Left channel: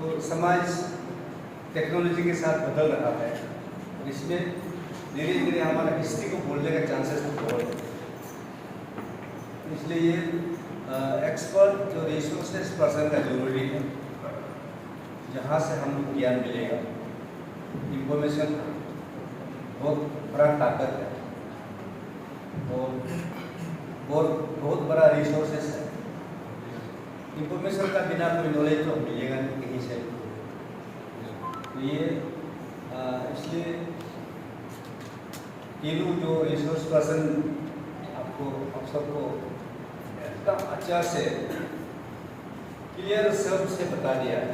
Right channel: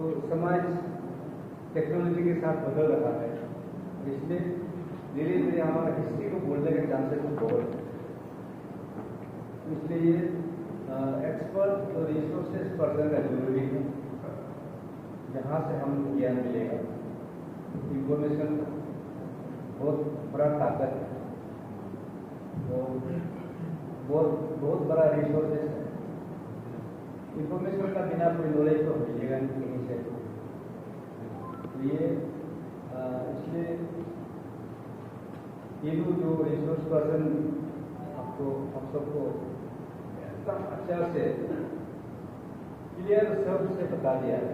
तो समाज टेक्नोलॉजी के साथ बदल रहा है, इसमें धीरे धीरे हमारा हिस्ट्री को भूलने का चांसेस तो बहुत है। इसलिए ये एक्सपर्ट जो रिसोर्सेस पर्सन का जरूरी है, जहाँ से हमको ज्ञान मिलेगा। इंफॉर्मेशन बहुत बड़ा ताकत है और बहुत बड़ा रिसोर्सेस है। इंफॉर्मेशन का बिना कोई नॉलेज तो मिलेगा नहीं कहीं से। तो ये इसलिए तीनों जो रिसोर्स पर्सन आपको आप सबको एकदम अच्छा से क्लियर शब्द से बता दिया है,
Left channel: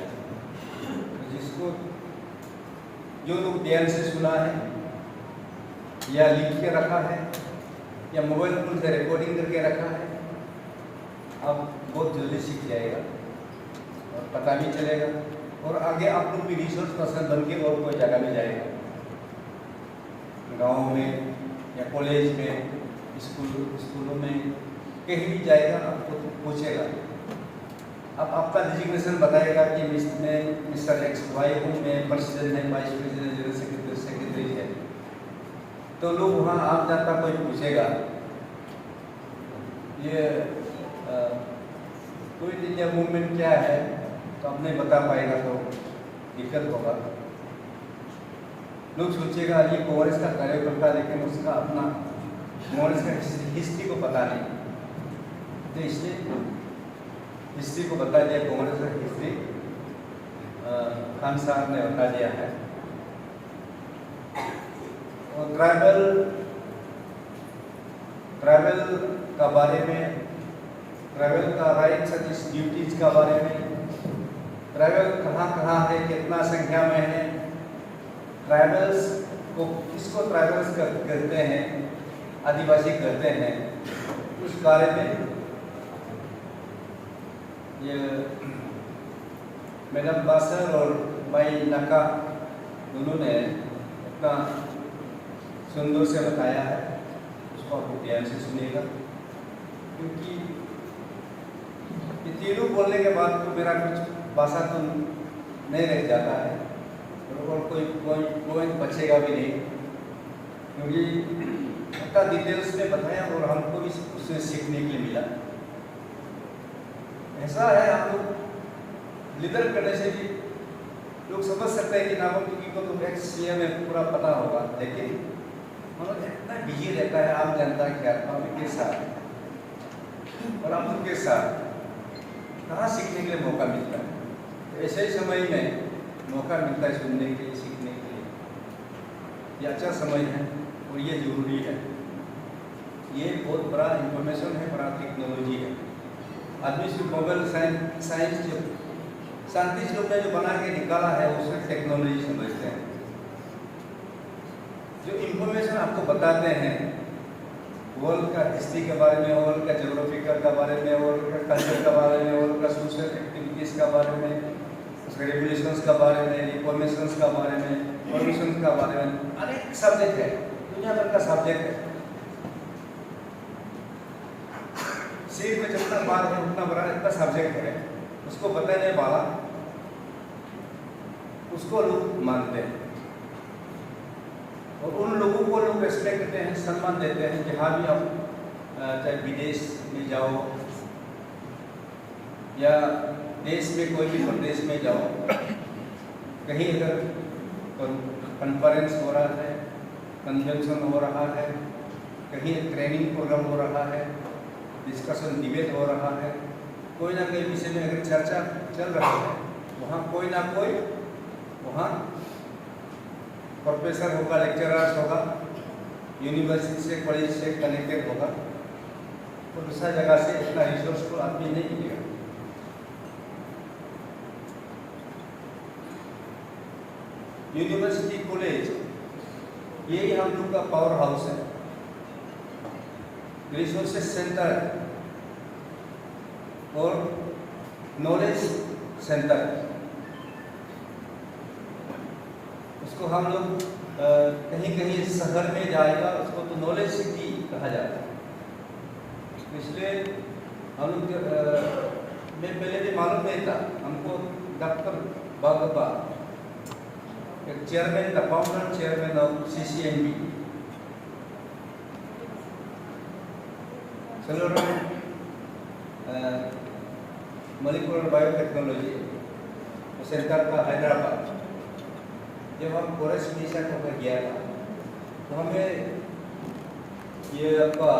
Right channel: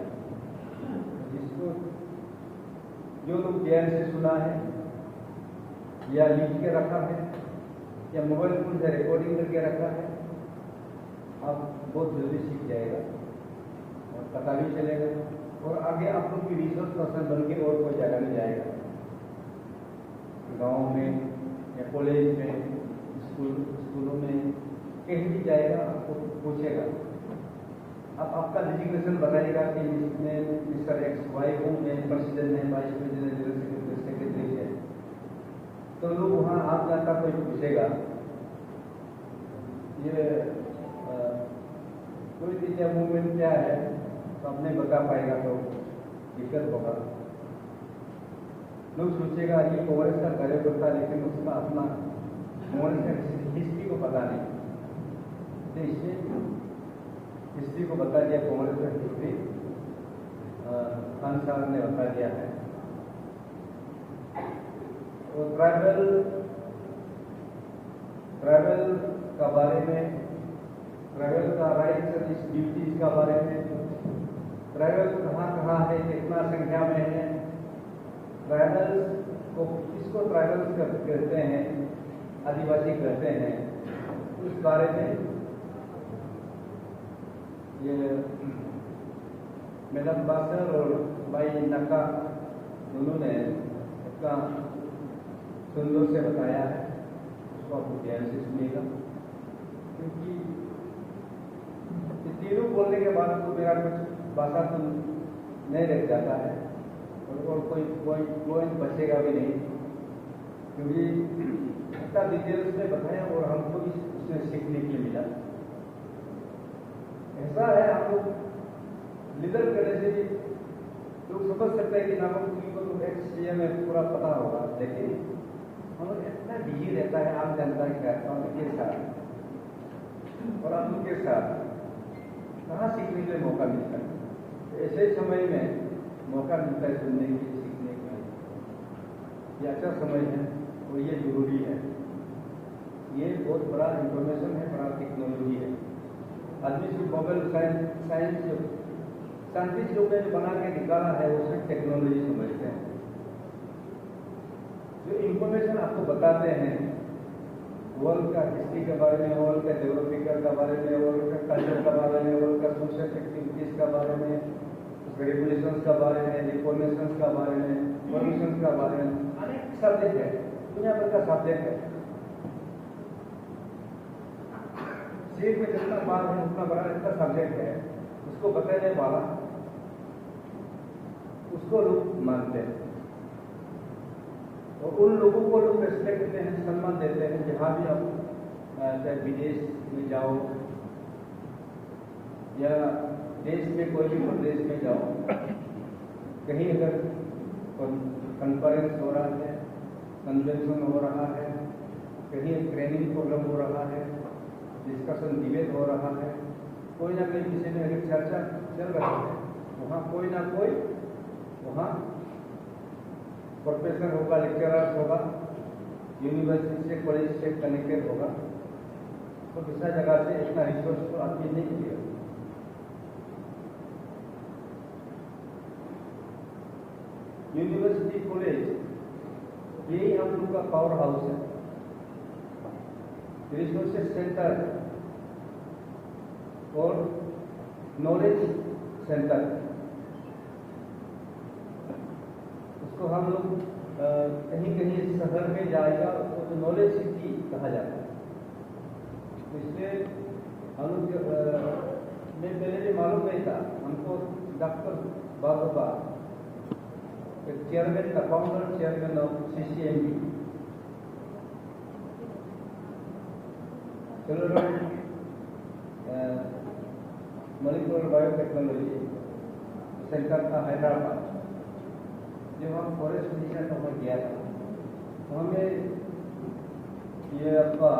जिसको जो लोग ध्यान से सुना है या लिख के रखा है या मोबाइल फोन से रिकॉर्डिंग करके रखा है, आप बहुत जल्दी सीख जाएगा और पता भी चलेगा और आगे आप लोग भी रिसोर्स पर्सन बन के और कोई जगह में जाएगा, गाँव में या कॉलेज में, स्कूलों में, कहीं भी जाएगा आपको तो पूछेगा। अब आपका डिजिग्नेशन बताएगा कि मैं मिस्टर एक्स वाई हूँ, मैं प्रेसिडेंट है, वाइस प्रेसिडेंट, जनरल सेक्रेटरी है, तो लोग वहाँ आप जानता कोई पूछेगा ये क्विट इंडिया मूवमेंट क्या है, तो आप नहीं बता पाएगा तो दिक्कत होगा। लोग सोचेगा ये कांग्रेस का कार्यकर्ता, लेकिन उसका अपना कांग्रेस का हिस्ट्री को पता नहीं, तो इसलिए हिस्ट्री को बता दिया। कांग्रेस का हिस्ट्री खान साहब ने बता दिया है। और ट्राइबल का बारे में, ट्राइबल का राइट्स एंड ड्यूटीज का बारे में, ट्राइबल कहाँ कहाँ है, कितना संख्या में है, ट्राइबल्स को किसको ट्राइबल्स कहते हैं, आदिवासी कहते हैं, उस बारे में ये मैडम बासर और भाई नका दोनों ने अपना सुंदर से बताया है, उसको आप ध्यान से सुनिएगा, क्योंकि तीनों बोलने के बाद तो मेरा कुछ भाषा तो नहीं रह जाता है और कोई बचेगा भी नहीं, क्योंकि इतना डिटेल्स में बताया और हमको भी उससे सीखने के लिए मिला। ऐसा है, आप लोग लीडर करने से भी लोग समझ सकते हैं कि नाम तुकी को तो एक्स सीएम में पूरा पता होगा, लेकिन हम लोग इतना बिजी रहता है आम जनता के के साथ और आप लोग के साथ कहाँ सीखने के लिए मौका मिलता है। तो ऐसे समय में मौका मिलता है सुनने के लिए, सीखने के लिए, ये अच्छा समय है और ये जरूरी है। ये बहुत बड़ा इंफॉर्मेशन है, बड़ा टेक्नोलॉजी है। आदमी सिर्फ मोबाइल साइंस जो साइंटिस्ट लोग ने जो बना के निकाला है उसमें टेक्नोलॉजी समझते हैं। जो इंफॉर्मेशन आपको बताते हैं वर्ल्ड का हिस्ट्री के बारे में, वर्ल्ड का ज्योग्राफिकल के बारे में, वर्ल्ड का कल्चर के बारे में, वर्ल्ड का सोशल एक्टिविटीज़ का बारे में, उसके रेगुलेशंस का बारे में, रिफॉर्मेशंस का बारे में, परमिशन का बारे में, अनेक सब्जेक्ट है, दुनिया भर का सब्जेक्ट है। सिर्फ में जितना बात है उतना बड़ा इतना सब्जेक्ट है, उसको बताने वाला उसको लोग मानते हैं और उन लोगों को लोग रेस्पेक्ट करते हैं, सम्मान देते हैं। जहाँ भी आप चाहे विदेश में जाओ या देश में कोई भी प्रदेश में जाओ, कहीं अगर कॉन्फ्रेंस हो रहा है, कन्वेंशन हो रहा है, कहीं ट्रेनिंग प्रोग्राम हो रहा है, डिस्कशन डिबेट हो रहा है, कोई ना कोई विषय में अगर चर्चा चल रहा है, वहाँ कोई ना कोई वहाँ प्रोफेसर होगा, लेक्चरर्स होगा, यूनिवर्सिटी से कॉलेज से कनेक्टेड होगा, तो दूसरा जगह से इतना रिसोर्स तो आदमी नहीं मिलेगा। यूनिवर्सिटी कॉलेज यही हम लोग का पावर हाउस है, रिसोर्सेज सेंटर और नॉलेज सेंटर। उसको हम लोग कहीं कहीं शहर में जाएगा उसको तो नॉलेज सिटी कहा जाता है। इसलिए हम लोग मैं पहले भी मालूम नहीं था, हमको Dr. Bhagava, chairman, the founder chairman of CCMB. Cellular Molecular Biotechnology centre का हैदराबाद। जब हम फॉरेस्ट मिशन होकर गया था तो हमें ये आपका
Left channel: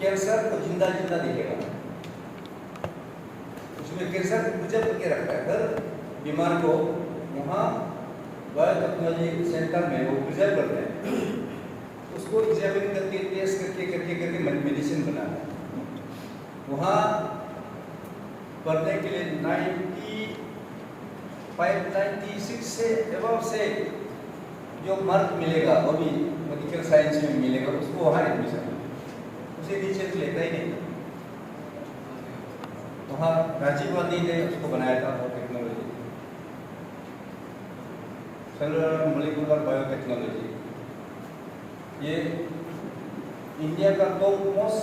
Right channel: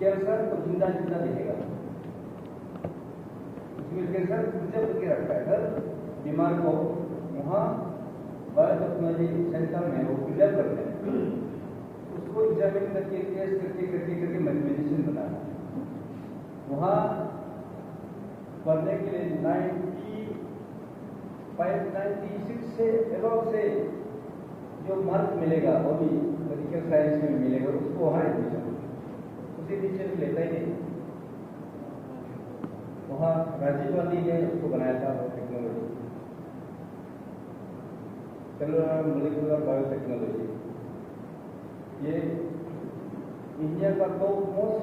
कैंसर को जिंदा जिंदा दिखेगा, उसमें कैंसर गुजर करके रखता है। हर बीमार को वहाँ बायोटेक्नोलॉजी सेंटर में वो प्रिजर्व करते हैं, उसको एग्जामिन करके टेस्ट करके मेडिसिन बनाता है। वहाँ पढ़ने के लिए 96 से एबव से जो मार्क मिलेगा वो भी मेडिकल साइंस में मिलेगा, उसको वहाँ एडमिशन उसे नीचे लेता ही नहीं। वहाँ राजीव गांधी ने उसको बनाया था वो टेक्नोलॉजी, सेलुलर मॉलिक्यूलर बायोटेक्नोलॉजी। ये इंडिया का top most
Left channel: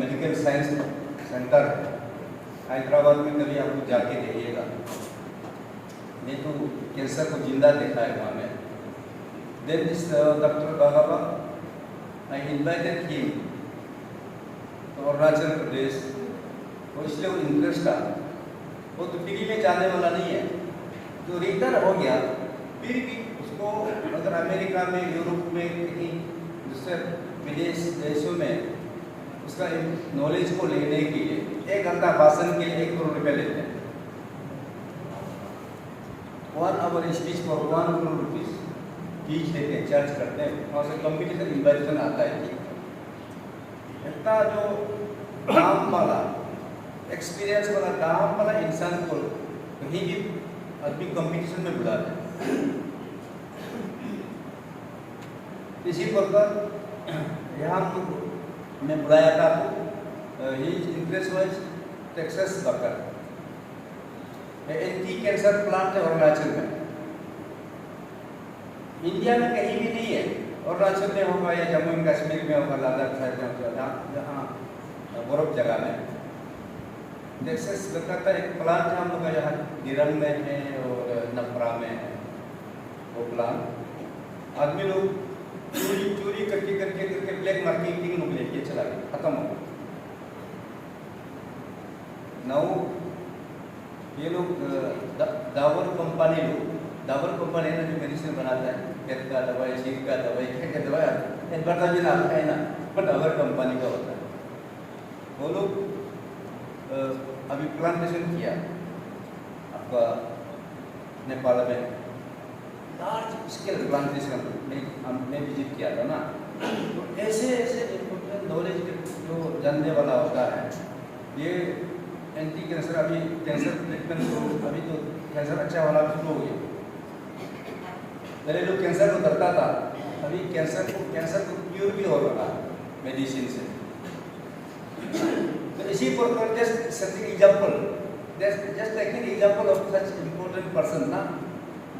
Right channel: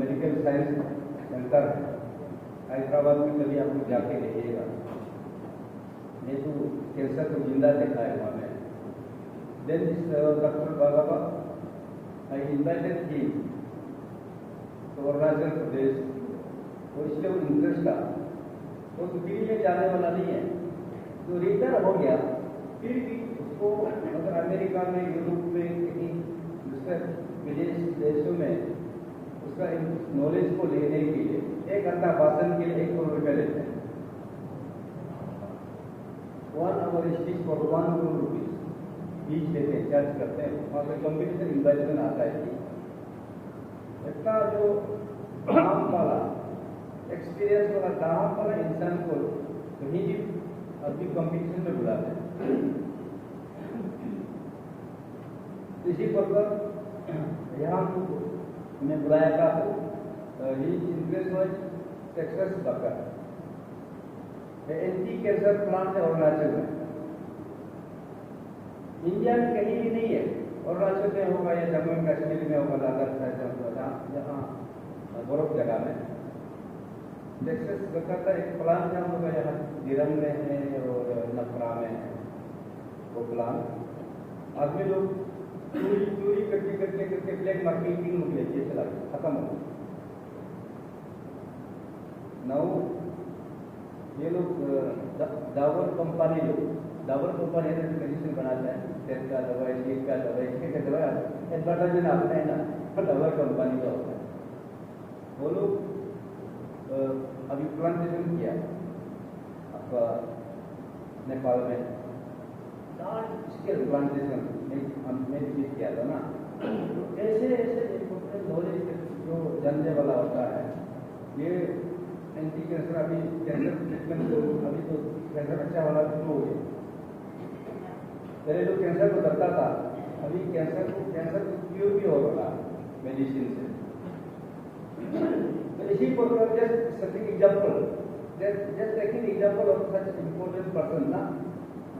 medical science centre है। हैदराबाद में कभी आप जाके देखिएगा, ये तो कैंसर को जिंदा देखा है वहाँ में। Then this Dr. Bhagava, I invited him to Arunachal प्रदेश। वो इसलिए वो इंटरेस्ट था, वो तो फ्री में जाने वाला नहीं है, तो रिटायर हो गया फिर भी उसको अगर अमेरिका में, यूरोप में, कहीं दूसरे विदेश देशों में उसका नॉलेज को लेने के लिए 1 घंटा भाषण के लिए 1 करोड़ रुपये लेते हैं। 1 आवर स्पीच पर 1 करोड़ रुपीज फीस देते हैं, चार्ज करते हैं। वहाँ से कॉम्पिटिशन इन्वाइटेशन आता है कि इतना जो काम वाला एक्सपीरियंस वाला काम वाला इंसान को कहीं भी आदमी कंपटीशन में बुलाते हैं। इसी प्रकार यहाँ मैं बुलाया था तो ही इंटरेस्ट वाइज टेक्सास वर्कर, एंटी कैंसर प्लांट है अरुणाचल में, इंडिया में कहीं भी नहीं है। अरुणाचल में होगा या जम्मू एंड कश्मीर में होगा, लद्दाख जहाँ बर्फ जगह में। टेक्सास वर्कर का एक प्लांट है हम लोग का, यहाँ गिरंग में है और नफरा में है वो प्लांट। आदमी लोग चोरी करके ब्लैक मार्केटिंग में लेके चला गया, खत्म हो गया। नाउ ये लोग डाबर कंपनी है ना, जो मेडिसिन बनाता है, खेत का दवाई, शीत का दवाई, क्या दवाई एडवर्टाइजमेंट आता है ना, डाबर कंपनी का होता है। वो लोग अभी प्लांटेशन किया आपका नेपाल में, लार्ज स्केल प्लांटेशन हमने विजिट किया था ना। तो ऐसे इम्पोर्टेंट नॉलेज जो जानने वाला होता है, ये एंटी कैंसर, अभी कैंसर ट्रीटमेंट तो अभी तो कैंसर अच्छा वाला शुरू हो गया। पहले लोग कैंसर को डरता था, अभी कैंसर को क्योर भी हो रहा है मेडिसिन से। तो इसी प्रकार just taking example of such important person ना,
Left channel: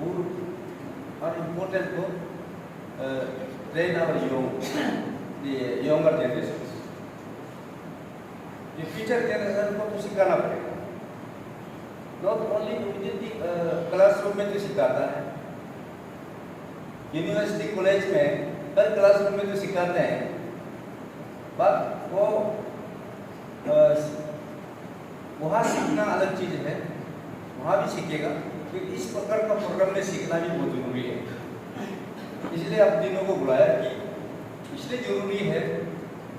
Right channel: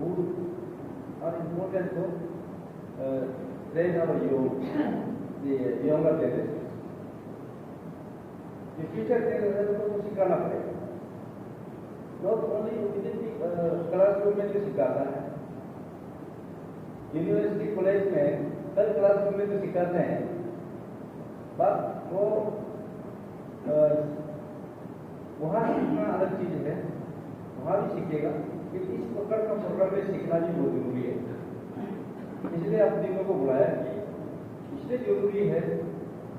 who are important to train our the younger generations. The future generation को तो सिखाना पड़ेगा, not only immediately क्लासरूम में जो सिखाता है, यूनिवर्सिटी कॉलेज में हर क्लासरूम में जो सिखाते हैं, बट वो वहाँ सीखना अलग चीज़ है, वहाँ भी सीखेगा। कि इस प्रकार का प्रोग्राम में सीखना भी बहुत जरूरी है, इसलिए आप दिनों को बुलाया कि इसलिए जरूरी है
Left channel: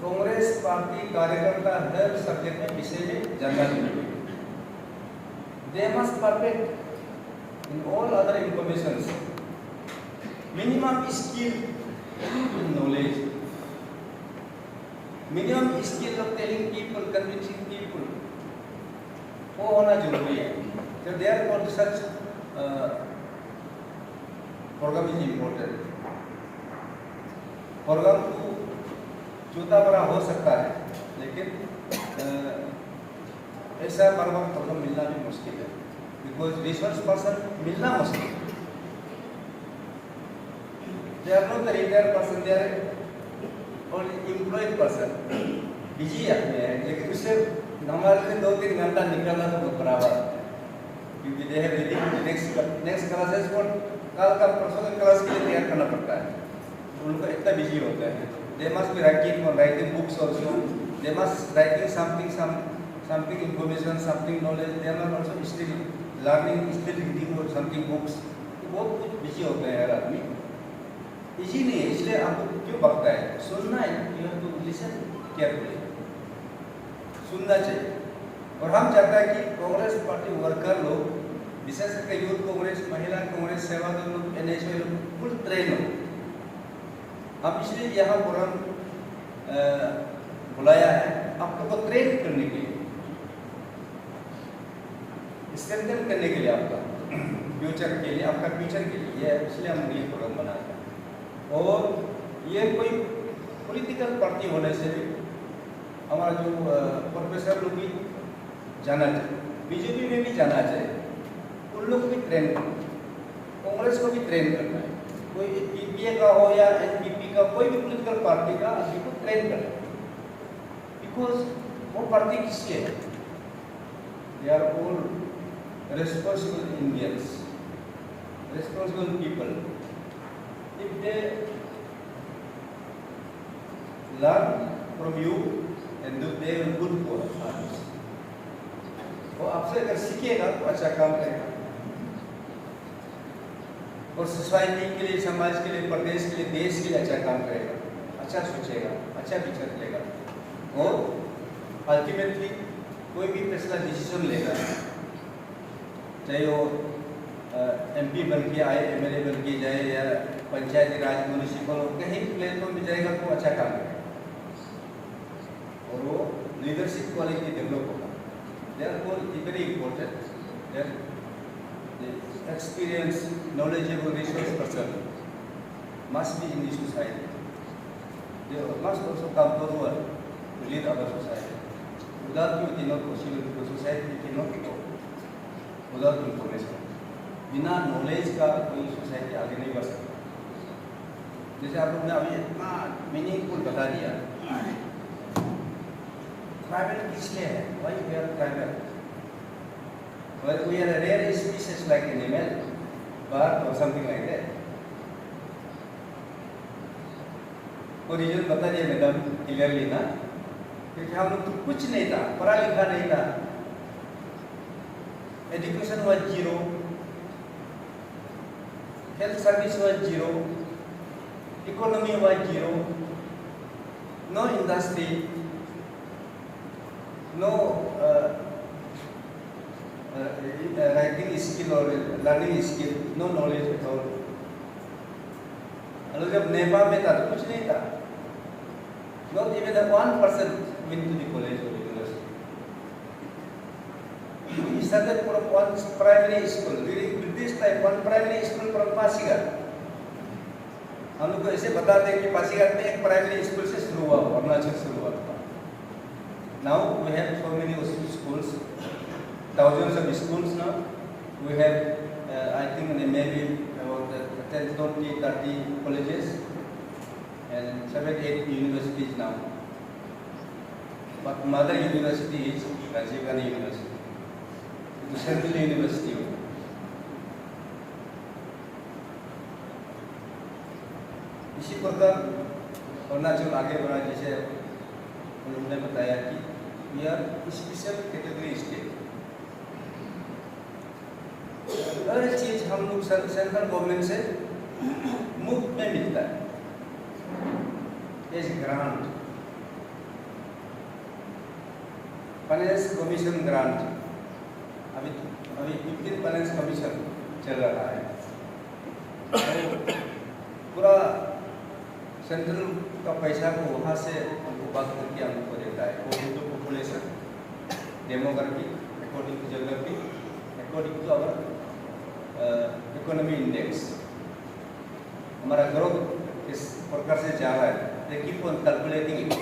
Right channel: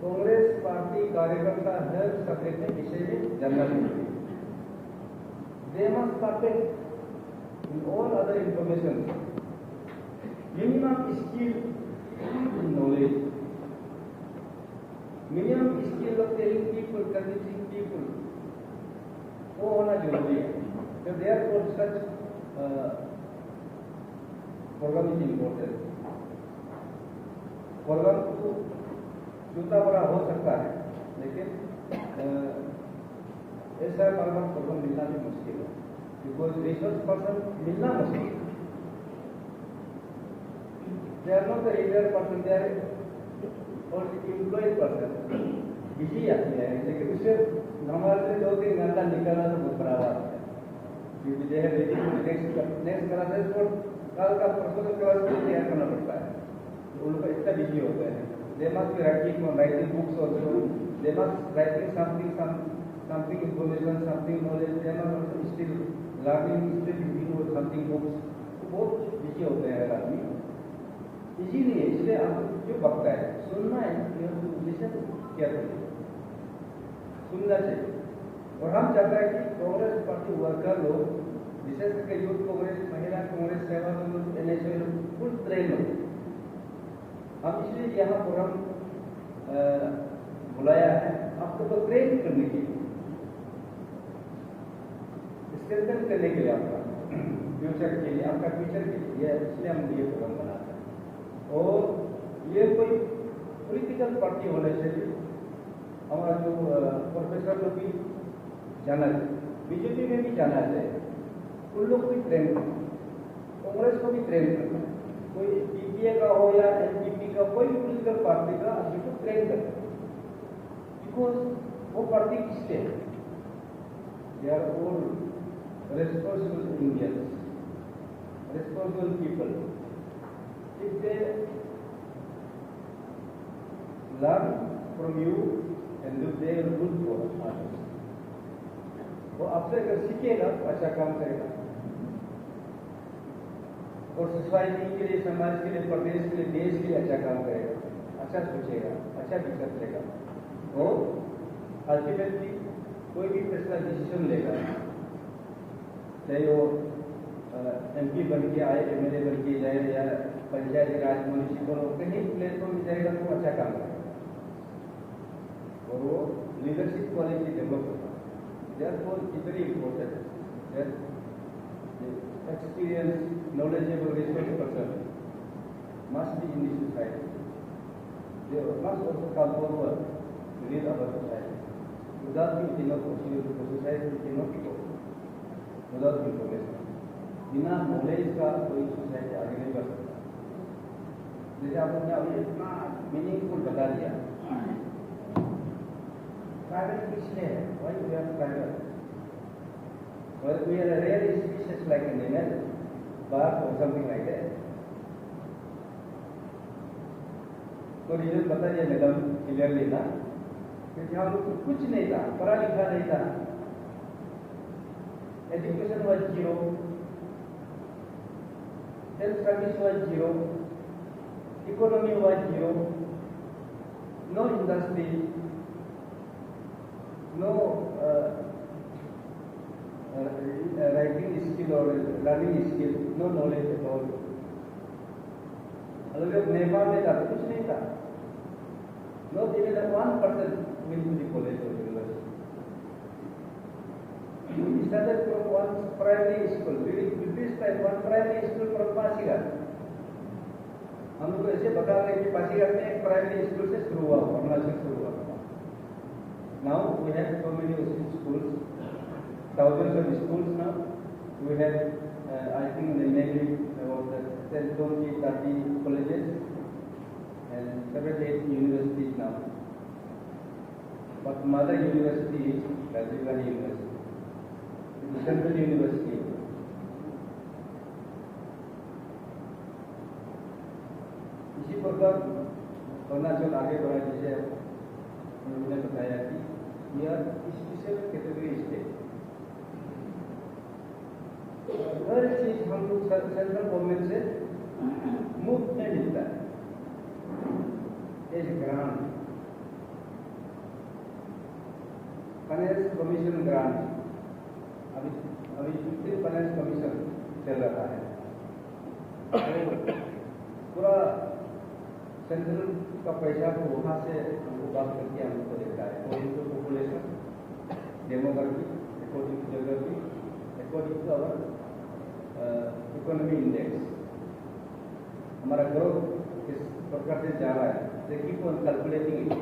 कांग्रेस पार्टी कार्यकर्ता हर सब्जेक्ट में विषय में जानना जरूरी है। They must perfect in all other information, minimum skill in knowledge, minimum skill of telling people, convincing people, वो होना जरूरी है। So therefore such program is important. Program तो छोटा बड़ा हो सकता है, लेकिन ऐसा बराबर प्रोग्राम मिलना भी मुश्किल है, बिकॉज रिसोर्स पर्सन मिलना मुश्किल है। They are not the retired person, they are only employed person, busy आदमी है, लेकिन उससे हमारे लिए 2-3 घंटा निकलना तो बहुत बड़ा बात है, क्योंकि they have ready next classes को कल का परसों के क्लास के लिए तैयार करना पड़ता है, तो उनका इतना बिजी होता है। They must be writing books also, they must writing something information, something knowledge, they are also still learning, still reading और समथिंग बुक्स, बहुत कुछ बिजी होते हैं हर आदमी। इजी नहीं है, इसलिए आपको क्यों पकता है, सुनना है, you have to listen carefully, सुनना चाहिए। और हम चाहते हैं कि कांग्रेस पार्टी वर्कर लोग, विशेष करके यूथ कांग्रेस, महिला कांग्रेस, सेवादल लोग, एनएसए लोग फुल ट्रेन हो। हम इसलिए यहाँ फोरम बुलाया है आप लोग को ट्रेन करने के लिए, स्ट्रेंथन करने के लिए, आपका फ्यूचर के लिए, आपका फ्यूचर के लिए, इसलिए हम ये फोरम बनाते हैं। और ये कोई पॉलिटिकल पार्टी होने से भी हमारा जो प्रोफेसर लोग भी जाना चाहिए, बीजेपी में भी जाना चाहिए, उन लोग को भी ट्रेन करना, कांग्रेस को भी ट्रेन करना है, कोई पीपीए का हो या एनपीपी का, कोई भी पॉलिटिकल पार्टी का आदमी को ट्रेन करना है। बिकॉज वो पार्टी किसके है, they are all responsible Indians, responsible people. If they learn from you and do they will good for others, वो आपसे अगर सीखेगा तो अच्छा काम करेगा और सोसाइटी के लिए, समाज के लिए, प्रदेश के लिए, देश के लिए अच्छा काम करेगा, अच्छा सोचेगा, अच्छा विचार लेगा और अल्टीमेटली कोई भी फैसला डिसीजन लेगा, चाहे वो एमपी बन के आए, एमएलए बन के जाए या पंचायती राज, म्यूनिसिपल, कहीं प्लेटफॉर्म में जाएगा तो अच्छा काम करेगा और वो लीडरशिप क्वालिटी डेवलप होगा। Therefore, it's very important that the experienced, knowledgeable resource person must be in the society. They must also come forward to lead our society. Without you, it is not possible because society cannot go without information. बिना नॉलेज का कोई सोसाइटी आगे नहीं बढ़ सकता। जैसे आप लोगों ने अभी इतना मीनिंगफुल बता दिया, प्राइवेट किस लिए है, why we are private, well we are a rare species like animal, bird or something like that. कोई रीजन बता दिया मैडम क्लियरली ना, क्योंकि हम लोग तो कुछ नहीं था, पढ़ा लिखा नहीं था, education was zero, health service was zero, economy was zero, no industry, no writing skill or learning skill, no knowledge at all. और जब नेपाल में था तो कुछ नहीं था, not even 1% went to the college or university. We started from one primary school. During British time, one primary school from Pasigat. हम लोग को ऐसे बताते हैं कि पासीघाट में एक प्राइमरी स्कूल से शुरू हुआ, अरुणाचल शुरू हुआ था। Now we have so many schools, thousands of schools now. We have, I think maybe about 10, 20, 30 colleges and 7, 8 universities now. But mother university is Rajiv Gandhi University. Central University. इसी प्रकार अरुणाचल आगे बढ़ा, जैसे उन्होंने बताया कि we are special category state. हर चीज हम लोग सेंट्रल गवर्नमेंट से मुफ्त में मिलता है, as grant, finance commission grant, अभी 15 फाइनेंस कमीशन चल रहा है, पूरा सेंट्रल का पैसा को वहाँ से हमको बात करके हमको देता है, according to population, demography, according to geography, according to our economy index, हमारा ग्रोथ किस प्रकार से जा रहा है, they keep on calculating it.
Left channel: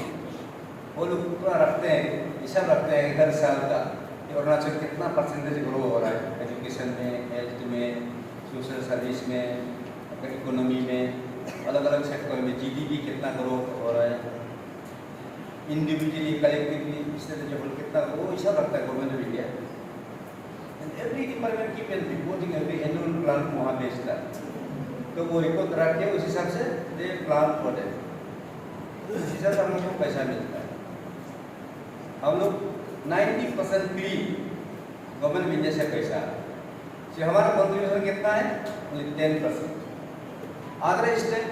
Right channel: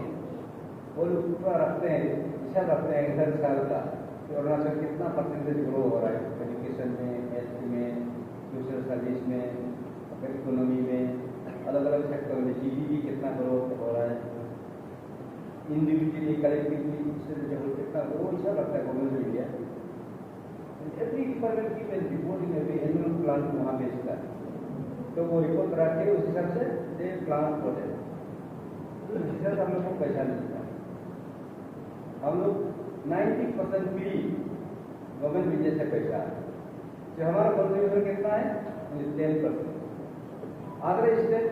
वो लोग पूरा रखते हैं, हिसाब रखते हैं हर साल का कि अरुणाचल कितना परसेंटेज ग्रो हो रहा है, एजुकेशन में, हेल्थ में, सोशल सर्विस में, इकोनॉमी में, अलग अलग सेक्टर में जीडीपी कितना ग्रोथ हो रहा है। इंडिविजुअली कलेक्टिवली स्टेट लेवल कितना वो हिसाब रखता है government of India. And every department keep an reporting every annual plan को वहाँ भेजता है, तो वो रिपोर्ट रख के उस हिसाब से दे प्लान फॉर इट, उस हिसाब से हम लोग को पैसा मिलता है। हम लोग 90% फ्री गवर्नमेंट ऑफ इंडिया से पैसा, तो हमारा कंट्रीब्यूशन कितना है? 10%। Other state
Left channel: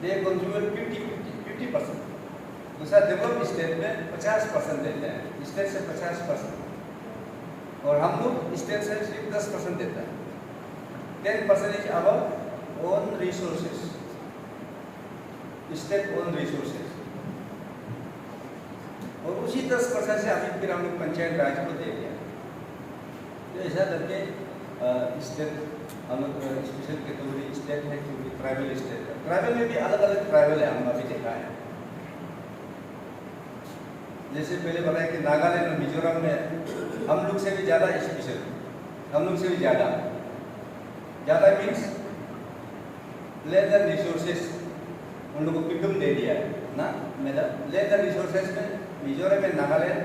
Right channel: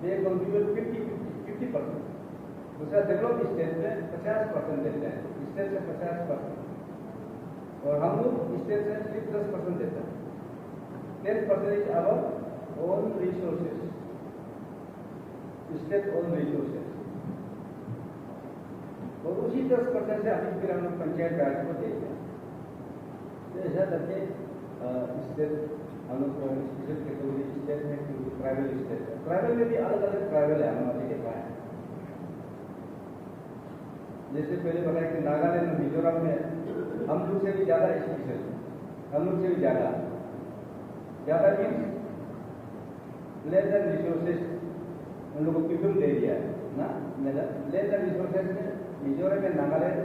they contribute 50%। दूसरा डेवलप स्टेट में 50% देते हैं, स्टेट से 50%, और हम लोग स्टेट से सिर्फ 10% देते हैं। 10% is our own resources, state own resources, और उसी 10% से अभी फिर हम लोग पंचायत राज को दे दिया। तो ऐसा करके स्टेट हम लोग स्पेशल कैटेगरी स्टेट है, क्योंकि ट्राइबल स्टेट है। ट्राइबल में भी अलग अलग ट्राइबल है, हम अभी देखा है। जैसे पहले बताया कि नागालैंड और मिजोरम में हम लोग से भी ज़्यादा स्पेशल, हम लोग से भी ज़्यादा मीन्स लेस देन रिसोर्सेस उन लोगों को पिकअप दे दिया है ना मैडम। लेस देन रिसोर्सेस में मिजोरम में नागालैंड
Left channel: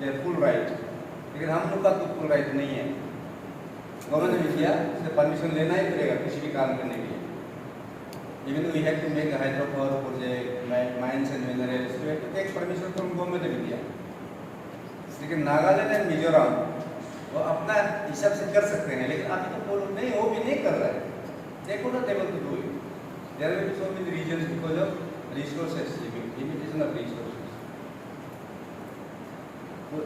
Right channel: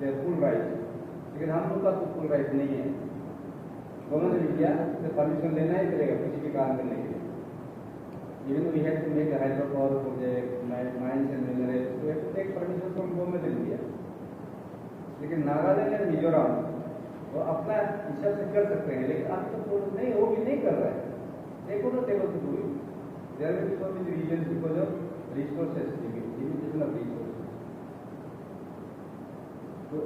दे फुल राइट, लेकिन हम लोग का तो फुल राइट नहीं है। गवर्नमेंट ऑफ इंडिया से परमिशन लेना ही पड़ेगा किसी भी काम करने के लिए। Even we have to make hydro power project, mines and minerals, तो have to take permission from government of India. लेकिन नागालैंड एंड मिजोरम वो अपना हिसाब से कर सकते हैं, लेकिन अभी तो वो नहीं, वो भी नहीं कर रहा है। They could not able to do it. There will be so many reasons because of resources, limitation of resources. तो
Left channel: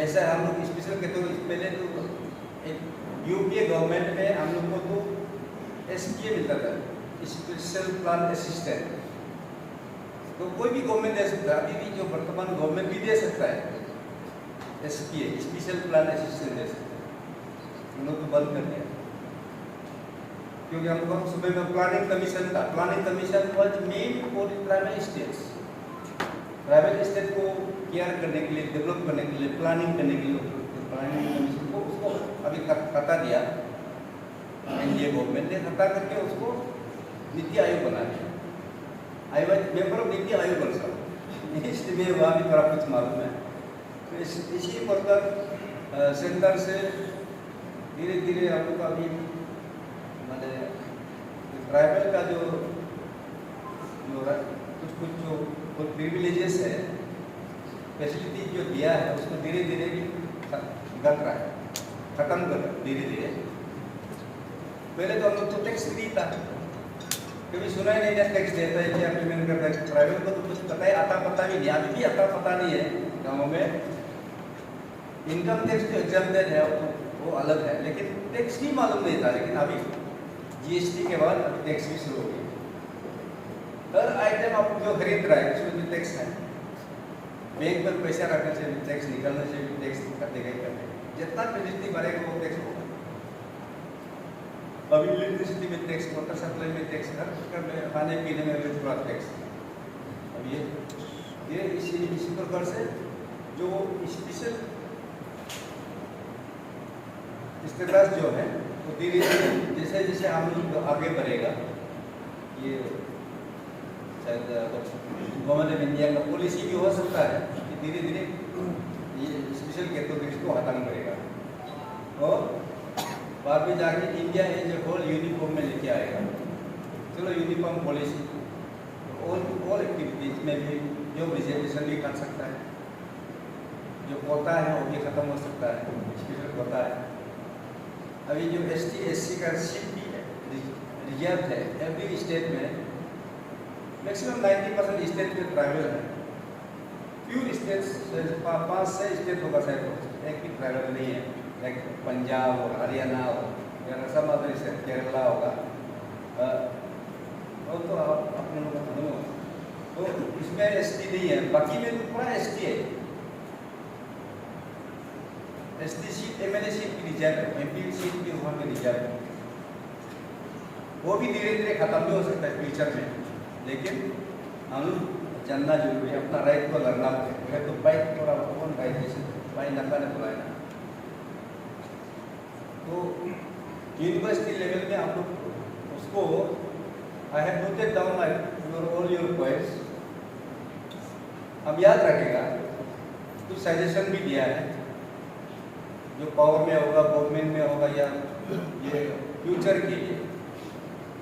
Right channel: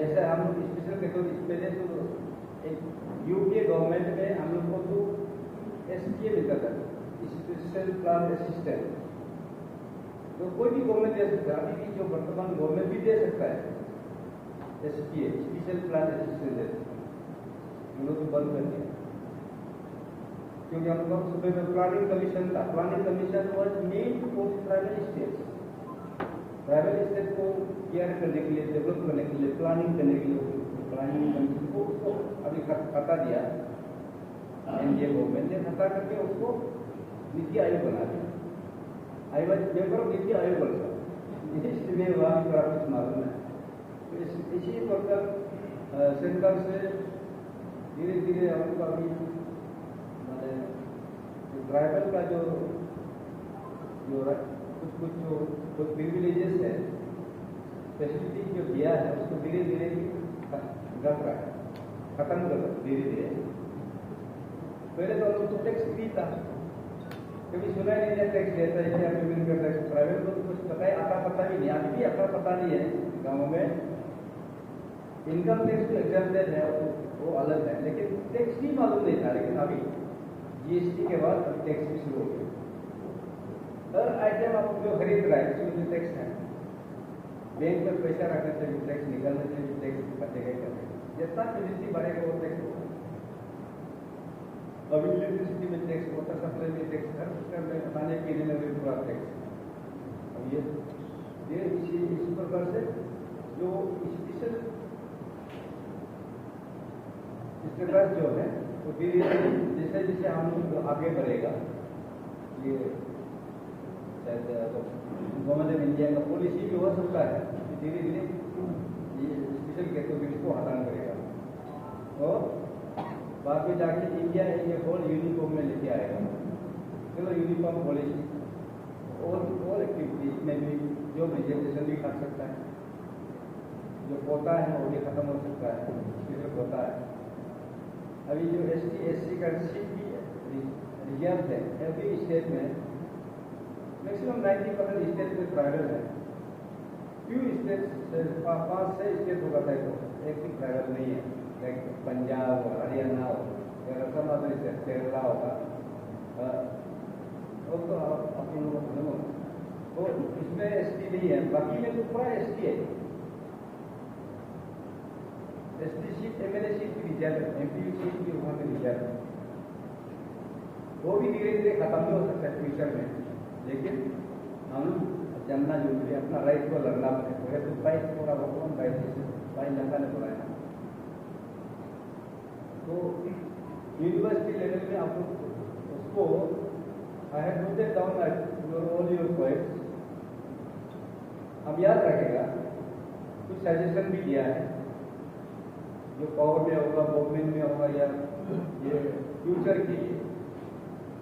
ऐसा हम लोग स्पेशल कैटेगरी पहले तो एक यूपीए गवर्नमेंट में हम लोग को तो एसपीए मिलता था, स्पेशल प्लान असिस्टेंट। तो कोई भी गवर्नमेंट दे सकता है, अभी भी जो वर्तमान गवर्नमेंट भी दे सकता है एसपीए, स्पेशल प्लान असिस्टेंट दे सकता है। हम लोग तो बंद कर दिया, क्योंकि हमको सुबह में प्लानिंग कमीशन था। Planning commission was made for tribal states, tribal state को केयर करने के लिए, डेवलप करने के लिए, प्लानिंग करने के लिए प्लानिंग कमीशन को उसको अभी हटा दिया। एनडीए गवर्नमेंट ने हटा करके उसको नीति आयोग बना दिया। I was member of NITI Aayog ऑल्सो, इसलिए वहाँ भी थोड़ा कुछ मालूम है। तो इसी प्रकार सेंटर से धीरे धीरे हम लोग अभी मैंने ट्राइबल का जो कुछ जो प्रिविलेजेस है, फैसिलिटी जो दिया है, उसको धीरे धीरे घट रहा है, खत्म कर रहा है धीरे धीरे। पहले तो हम लोग तो टैक्स फ्री था, कभी सुना ही नहीं था टैक्स देता है क्या पेमेंट करता है। ट्राइबल को तो कुछ पता ही आता पता भी नहीं, अभी भी आता पता नहीं है गाँवों में। इनकम टैक्स जो एग्जाम्प्टेड है वो अलग है, लेकिन टैक्स भी मालूम नहीं था। लेकिन अभी जीएसटी के बाद अभी टैक्स भी शुरू हो गई। हर आइटम आप जो खरीद रहा है उसमें भी टैक्स है। बैंक में पैसा रखने से भी टैक्स, निकालने से भी टैक्स कटेगा ही कटेगा। जितना फैसिलिटी बढ़ेगा वो टैक्स होगा। अभी इलेक्ट्रिसिटी में टैक्स, वाटर सप्लाई में टैक्स, हर में खाने पीने में भी थोड़ा टैक्स। अब ये इसी प्रकार से जो स्पेशल स्टेटस जो है वो धीरे धीरे जैसे जैसे हम लोग आगे बढ़ेगा, ये शायद गवर्नमेंट ऑफ इंडिया का पॉलिसी भी हो सकता है कि धीरे धीरे ये स्पेशल कैटेगरीज को खत्म करेगा और बाद में जाके India as a whole uniform में लेके आएगा। चलो यूनिफॉर्म पॉलिसी ऑल एक्टिविटीज में भी जो रिजर्वेशन भी कर सकता है, जो कोटा है वो भी खत्म हो सकता है, स्पेशल कोटा है। अभी जो ST SC का सीट भी रिजर्व है एवरी स्टेट में, मैक्सिमम 90% स्टेट में ट्राइबल है। फ्यू स्टेट्स, 5-6 स्टेट होगा शायद, एक भी ट्राइबल नहीं है, लाइक पंजाब और हरियाणा और सम अदर स्टेट, केरला होगा, और तो अपने लोग खत्म हो, तो इसमें ST नहीं है। बाकी में तो पूरा ST है। ST सीट, MLA सीट भी रिजर्व है, MP सीट भी वहाँ पे रिजर्व है। वो भी धीरे धीरे खत्म भी हो सकता है फ्यूचर में, लेकिन हम जानना जरूरी है, अपना राइट को लड़ना है। तो बाइक थोड़ा कौन राइट, जैसे भाई नफा ने बोला है ना, तो यूनिवर्सिटी लेवल में आप लोग उसको, I have noted down all your points. हम याद रखेगा कुछ सजेशन भी दिया है जो पावर में होगा, गवर्नमेंट में होगा या ये फ्यूचर के लिए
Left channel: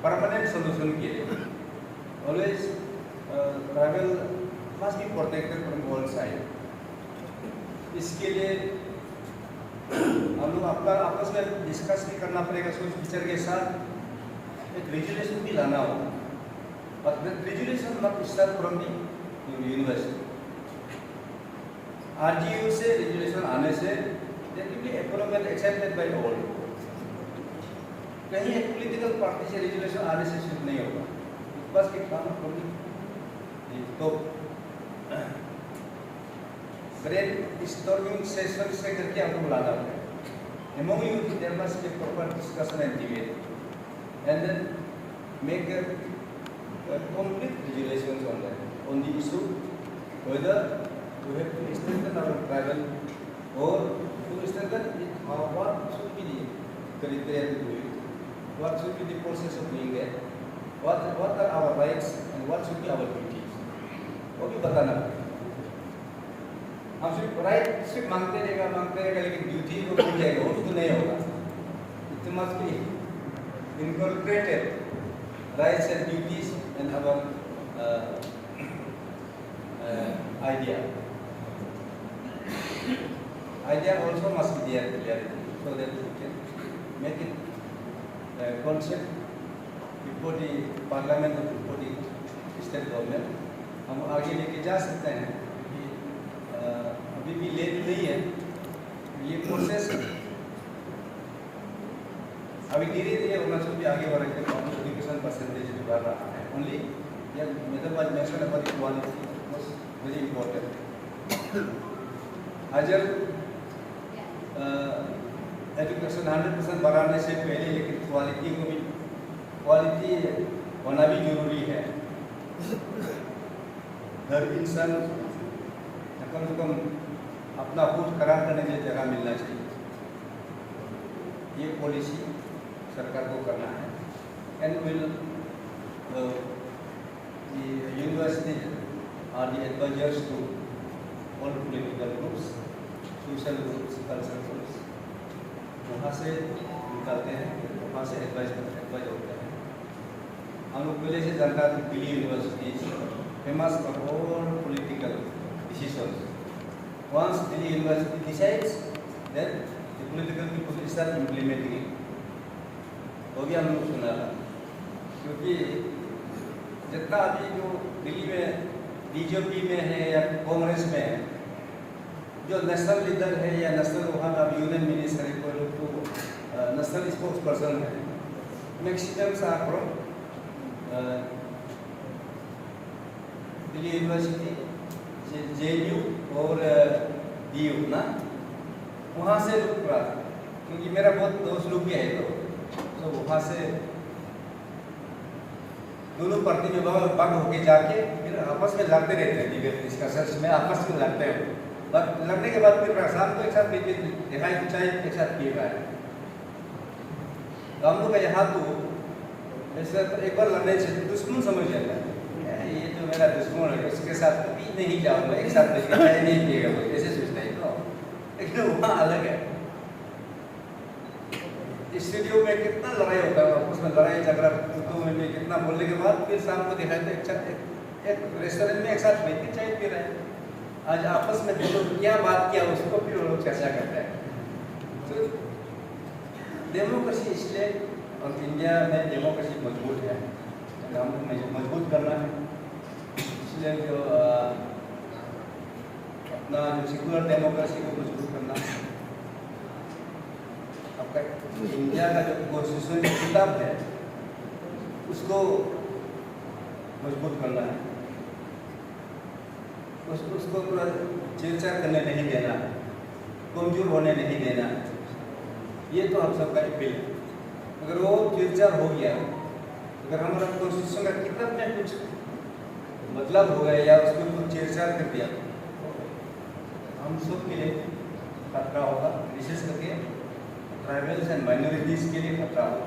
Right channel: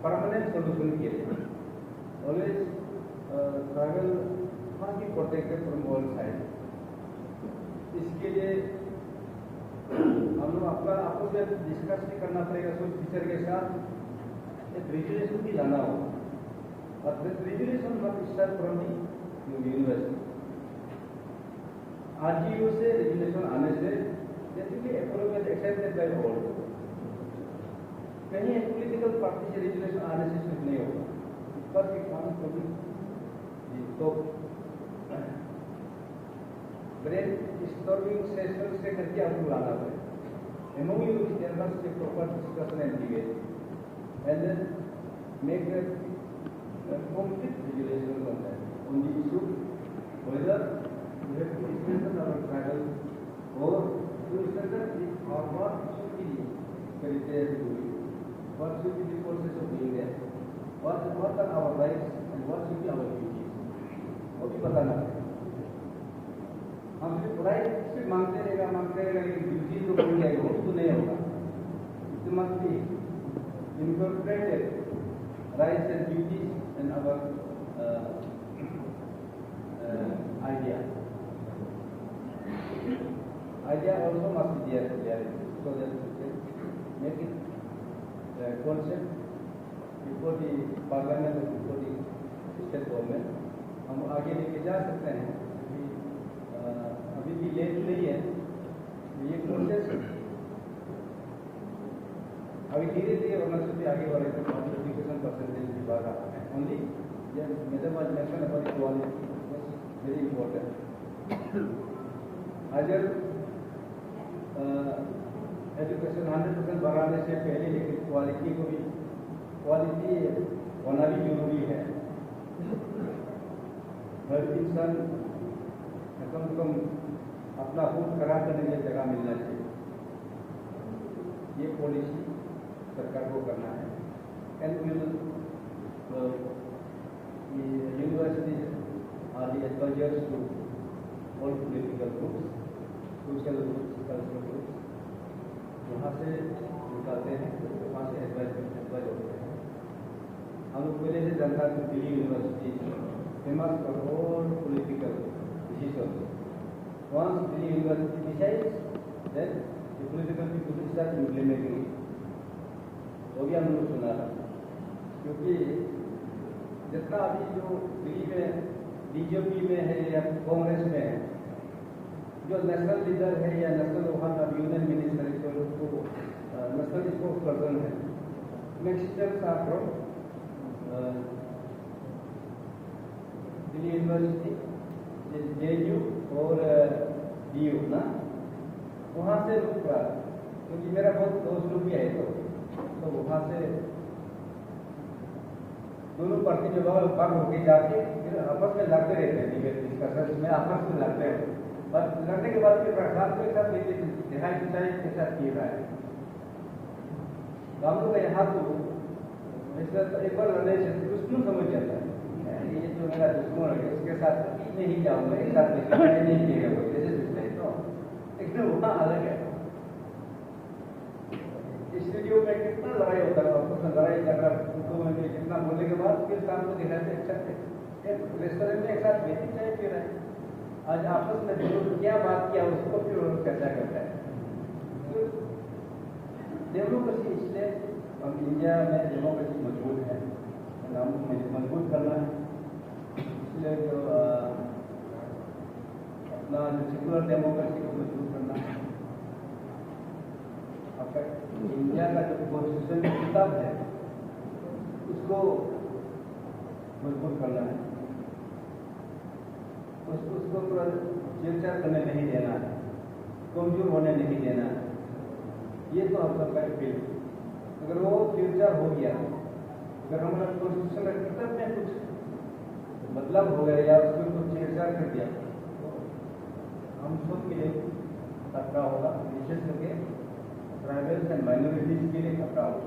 परमानेंट सोल्यूशन के लिए always travel must be protected from all side. इसके लिए हम लोग अपना आपस में डिस्कस भी करना पड़ेगा, सोच विचार के साथ एक रेजुलेशन भी लाना होगा। और रेजुलेशन मत start from the university. RGU से रेजुलेशन आने से that will be approved accepted by all। कहीं एक पॉलिटिकल पार्टी से रेजुलेशन आने से सिर्फ नहीं होगा, बस एक काम करेंगे तो ब्रेन स्टॉर्मिंग सेशन से करके हमको लाना पड़ेगा। Among you there must be proper discussion and debate and then make a complete resolutions on the issue whether we have to strengthen our travel or to strengthen it, what should be the criteria to do it, what should be the process of doing that, what are our rights and what should be our duties, वो भी बताना पड़ेगा। हम सिर्फ राइट सिर्फ मांगते रहेगा लेकिन ड्यूटी को भूल जाएगा, वो तो नहीं होगा। It must be incorporated rights and duties and our idea also must be there clearly so that we can make it concept before the parliament or before the state government। हम आगे लेके जा सकते हैं, अभी भी लेट नहीं है ये प्रोसेस। अभी धीरे धीरे अरुणाचल भी आगे बढ़ रहे हैं, एजुकेशन परसेंटेज भी बढ़ रहा है। Only method mention about equality was very important. अजर एजुकेशन 100% बढ़ाने से पहले लेकिन क्वालिटी होना भी जरूरी है। हर इंसान कम से कम अपना खुद खराब करने की जगह मिलना चाहिए, ये पॉलिसी सरकार को करना है। And will university are the advisers to all political groups, social groups, cultural groups, वहाँ से निकलते हैं, वहाँ से एडवाइज होते हैं। हम लोग पहले से जानता है Delhi university famous for all political decisions. Once Delhi University decides, then the political people will start implementing it। वो भी हम लोग सुना था, क्योंकि जितना अभी जो दिल्ली में बीजेपी में है या कांग्रेस में है, जो नेशनल लीडर है या नेशनल वहाँ का यूनियन मिनिस्टर है, कोई लोग तो नेशनल स्पोक्स पर्सन है, maximum are from Delhi university, JNU और DU ना, वहाँ से क्योंकि मेरा बहुत दोस्त लोग भी है तो वहाँ से दोनों पार्टी में भाग होके जाके फिर आपस में लड़ते रहते हैं, डिबेट डिस्कशंस में आपस में लड़ते हैं। लड़ने के बाद फिर शाम को एक साथ दिखाई चाय एक साथ पी रहा है। हम लोग का यहाँ तो ऐसे एक बार लड़ने से दुश्मन समझ जाता है, ये जो मेरा दुश्मन है उसके साथ पी नहीं जाऊंगा, एक साथ नहीं पिएगा, ऐसे सोचता है। तो लेकिन वहाँ अलग है, स्टूडियो में कितना लड़ाई होता है, उसमें लड़ाई झगड़ा में कितना बोलने के बाद फिर शाम को दिखाते एक रेस्टोरेंट में एक साथ बैठे चाय पी रहे हैं। आज आपस में क्या बात किया उसको फिर वो लोग चर्चा करते हैं। तो डेमोक्रेसी, इसलिए हम इंडिया में डेमोक्रेसी मजबूत है, काम मजबूत करना है। इसलिए जो अपना जो सेकुलर डेमोक्रेसी को मजबूत करना है। आपका इंडिया का जो कॉन्स्टिट्यूशन किताब है उसको मजबूत करना है, उसको छेड़छाड़ करने नहीं देना, कमजोर होने नहीं देना, ये तो हम सबका अपील है। अगर वो छेड़छाड़ हो गया, अगर हमारा कॉन्स्टिट्यूशन का किताब में कुछ मतलब हो गया या उसमें कुछ छेड़छाड़ कर दिया, हम सब के लिए खतरा होगा, विशेष करके ट्राइबल्स एंड माइनॉरिटीज के लिए खतरा होगा,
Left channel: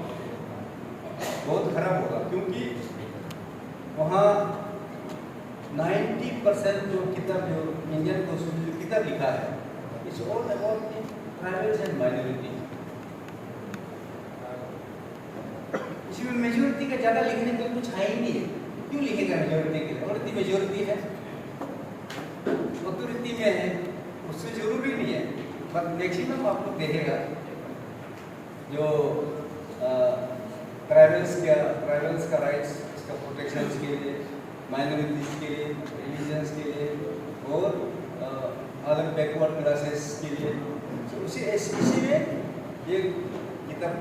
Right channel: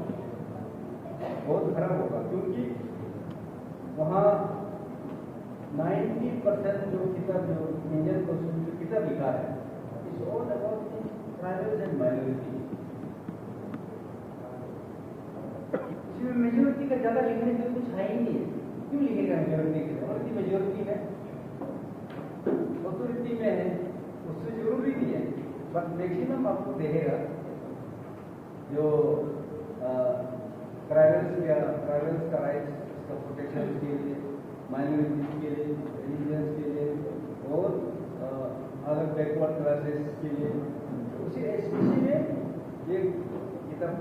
बहुत खराब होगा। क्योंकि वहाँ 90% जो किताब जो इंडियन कॉन्स्टिट्यूशन किताब लिखा है it's all about tribals and minority. इसमें मेजोरिटी का ज़्यादा लिखने के लिए कुछ है ही नहीं है। क्यों लिखेगा मेजोरिटी के लिए? और इतनी मेजोरिटी है, ऑथोरिटी में है, उससे जरूरी नहीं है। बट मैक्सिमम आप लोग देखेगा जो ट्राइबल्स का राइट्स, इसका प्रोटेक्शन के लिए, माइनॉरिटीज के लिए, रिलीजन्स के लिए और अदर बैकवर्ड क्लासेस के लिए, इसी में ये किताब